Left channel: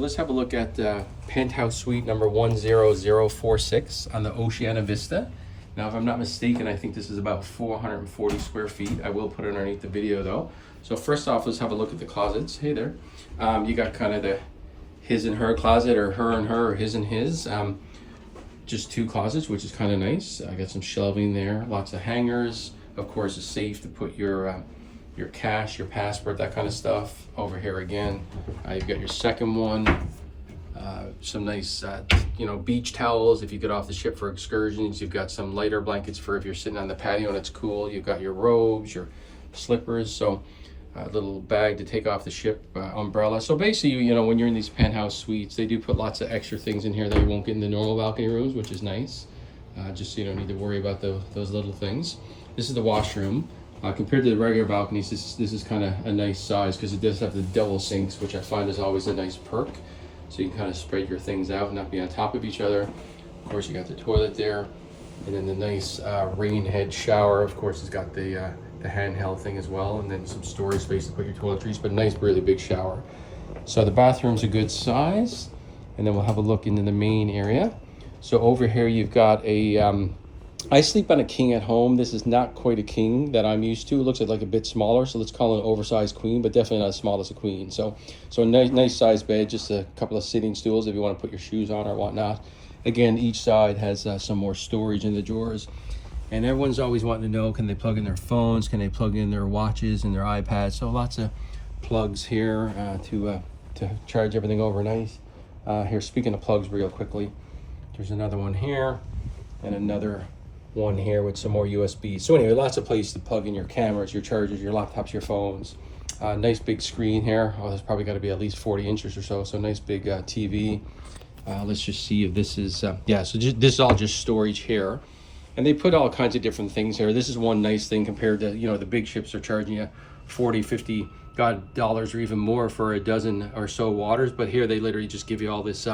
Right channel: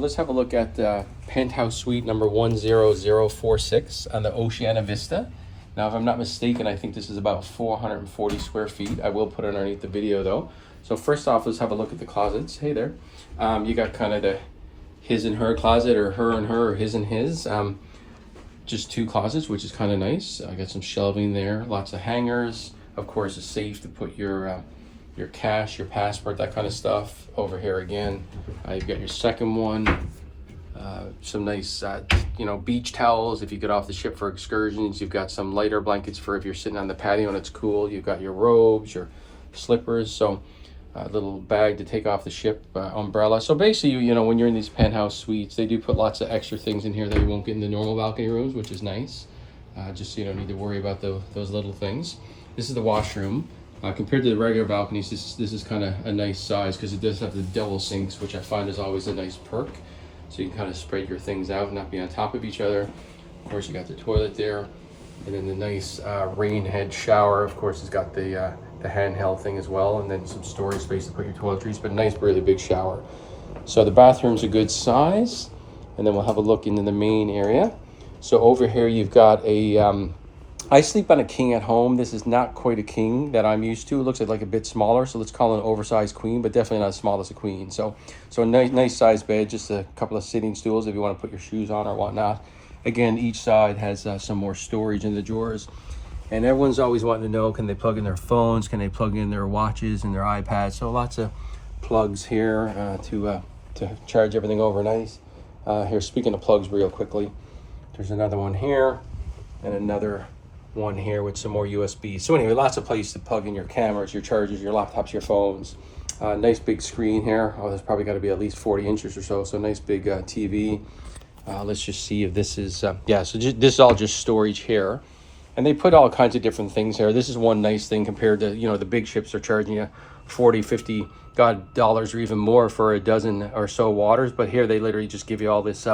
Let's have a look at Penthouse Suite number 10046 on the Oceania Vista. Now, if I'm not mistaken, I think this is about 440 square feet. I will put it underneath the video though. So first off, let's have a look at the closets. Hey there. You got kind of the his and her closet, or her and her, or his and his. Just two closets, which is kind of nice. I got some shelving there, lots of hangers. Of course, a safe to put your cash, your passport, that kind of stuff. Over here again, you've got your second one. Some nice, beach towels if you get off the ship for excursions. You've got some lighter blankets for if you're sitting on the patio and it's cool. You've got your robes, your slippers. So a little bag to take off the ship, umbrella. So basically, when you're in these penthouse suites, they do put lots of extra things in here that you won't get in the normal balcony rooms, which is nice. Just so you don't need to worry about those little things. This is the washroom. Compared to the regular balconies, this is kind of a nice size because it does have the double sinks, which I find is always a nice perk. So you can kind of spread your things out and not be on top of each other. Of course, you got the toilet there, and then the nice rain head shower. Of course, it's got the handheld thing as well, and then some storage space to put your toiletries, but nice, really big shower. So the bathroom's a good size, and then we'll have a look into the main area. So over here, you've got a I sleep on a king at home. This is not quite a king that I'm used to. It looks like a bit smaller, so let's call it an oversized queen, but definitely not as small as a queen. So a nice size bed, just a couple of sitting stools if you want to put your shoes on or whatnot. Again, each side has some more storage in the drawers. And everyone's always wanting to know, can they plug in their phones? Can they plug in their watches and their iPads? So lots of plugs here to charge everything overnight. Here, speaking of plugs real quickly, there's another one here and another one here with some more USB. So anyway, lots of places to plug in your cameras, your chargers, your laptops, your phones. Nice big screen here. Oh, there's probably got to be at least 40 inches or so. So nice big TV. Let's just see if this is, so this is all just storage here. And they put all kinds of different things there. This is one nice thing compared to, the big ships are charging you 40, 50 dollars or even more for a dozen or so waters. But here they literally just give you all this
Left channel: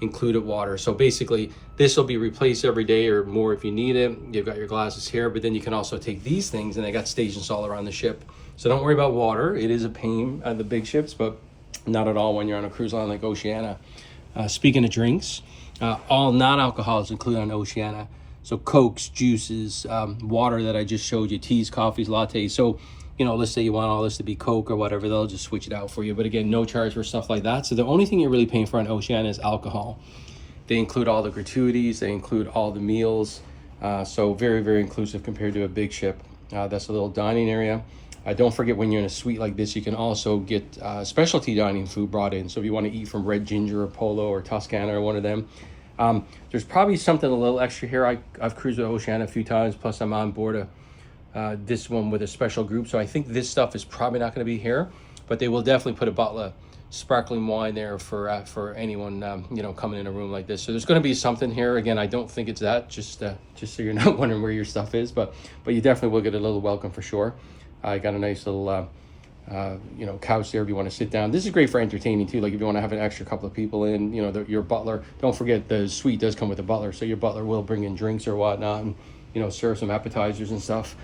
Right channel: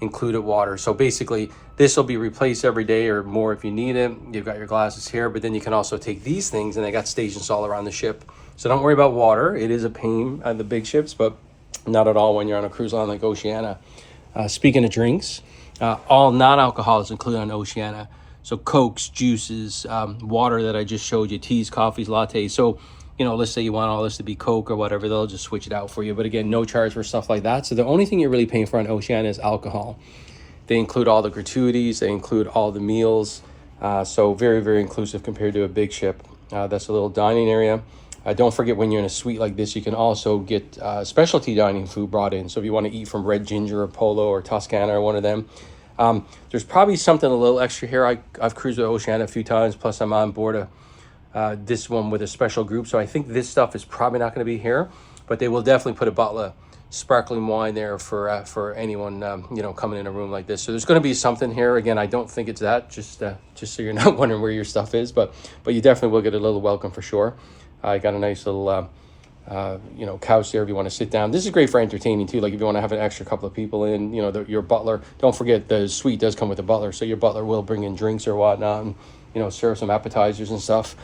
included water. So basically this will be replaced every day or more if you need it. You've got your glasses here, but then you can also take these things, and they got stations all around the ship. So don't worry about water. It is a pain on the big ships, but not at all when you're on a cruise line like Oceania. Speaking of drinks, all non-alcoholics included on Oceania. So Cokes, juices, water that I just showed you, teas, coffees, lattes. So, let's say you want all this to be Coke or whatever, they'll just switch it out for you. But again, no charge for stuff like that. So the only thing you're really paying for on Oceania is alcohol. They include all the gratuities, they include all the meals. So very, very inclusive compared to a big ship. That's a little dining area. Don't forget, when you're in a suite like this, you can also get specialty dining food brought in. So if you want to eat from Red Ginger or Polo or Toscana or one of them, there's probably something a little extra here. I've cruised with Oceania a few times, plus I'm on board this one with a special group. So I think this stuff is probably not going to be here, but they will definitely put a bottle of sparkling wine there for anyone, coming in a room like this. So there's going to be something here. Again, I don't think it's that, just so you're not wondering where your stuff is, but you definitely will get a little welcome for sure. I got a nice little, couch there if you want to sit down. This is great for entertaining too. Like if you want to have an extra couple of people in, your butler. Don't forget the suite does come with a butler, so your butler will bring in drinks or whatnot, and serve some appetizers and stuff.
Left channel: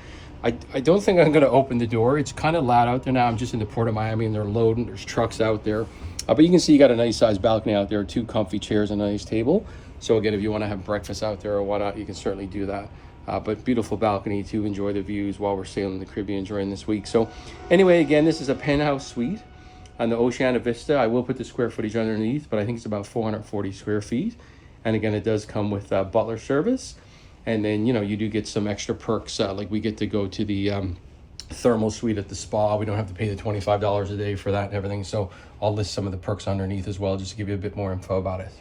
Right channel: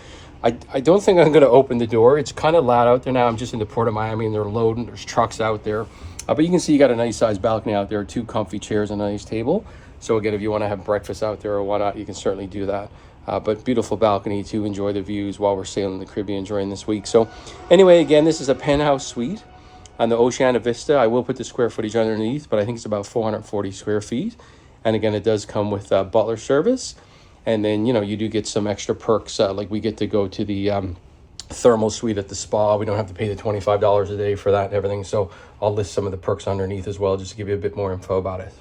I don't think I'm going to open the door. It's kind of loud out there now. I'm just in the Port of Miami, and they're loading. There's trucks out there, but you can see you got a nice sized balcony out there, two comfy chairs and a nice table. So again, if you want to have breakfast out there or whatnot, you can certainly do that. But beautiful balcony to enjoy the views while we're sailing the Caribbean during this week. So anyway, again, this is a penthouse suite on the Oceania Vista. I will put the square footage underneath, but I think it's about 440 square feet. And again, it does come with butler service. And then, you do get some extra perks. Like we get to go to the thermal suite at the spa. We don't have to pay the $25 a day for that and everything. So I'll list some of the perks underneath as well, just to give you a bit more info about it.